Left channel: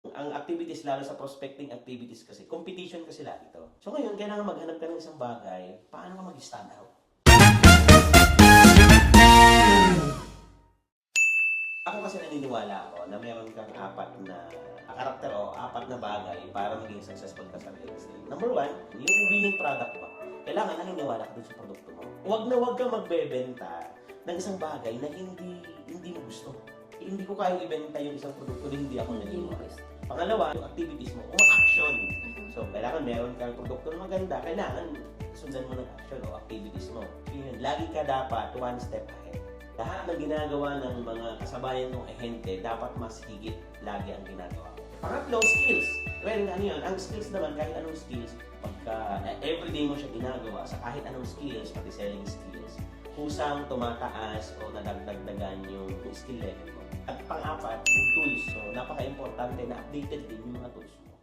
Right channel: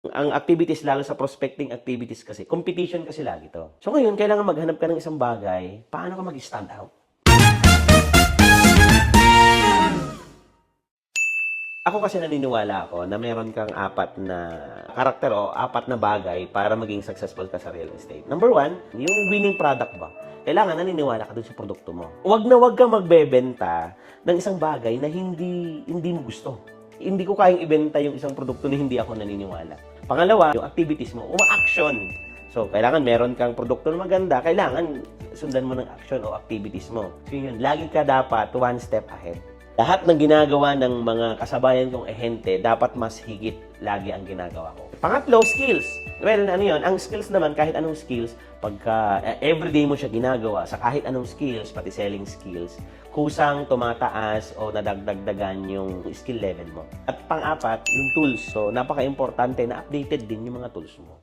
Ang activities, lalo sa prospecting activities kasi, competition kasi lagi to. So ngayon, kailangan maghanap ka ng isang bagay, paano ka mag-stand out? Ako kasi naniniwala ako na meron kang apat na karakter o apat na bagay para maging successful ka sa real estate. Number one, yung winning product ba? Kailangan naniniwala ka dun sa produkto mo. Huwag kang magbebenta ng isang bagay na hindi mo gusto. Hindi ko kayang ibenta yung isang produkto na hindi ako naniniwala. Pangalawa, yung activities mo, uma-action. So, kailangan meron kang produkto na maganda, kailangan sundan mo ng action o activities mo. So, yun, lagi ka dapat one step ahead. Lahat ng ginagawa ng mga kasabayan kong ehente, dapat mas higit lagi ang ginagawa ko. Pangatlo, skills. Well, ano yun? Ang skills naman, kahit anong skills, pagka everyday mo siya ginagawa, sa kahit anong skills, pati selling skills, kusang tumataas o nadagdagdagan yung skill level mo. At pang-apat, yung tools. So, napaka-importante na updated din yung mga tools mo.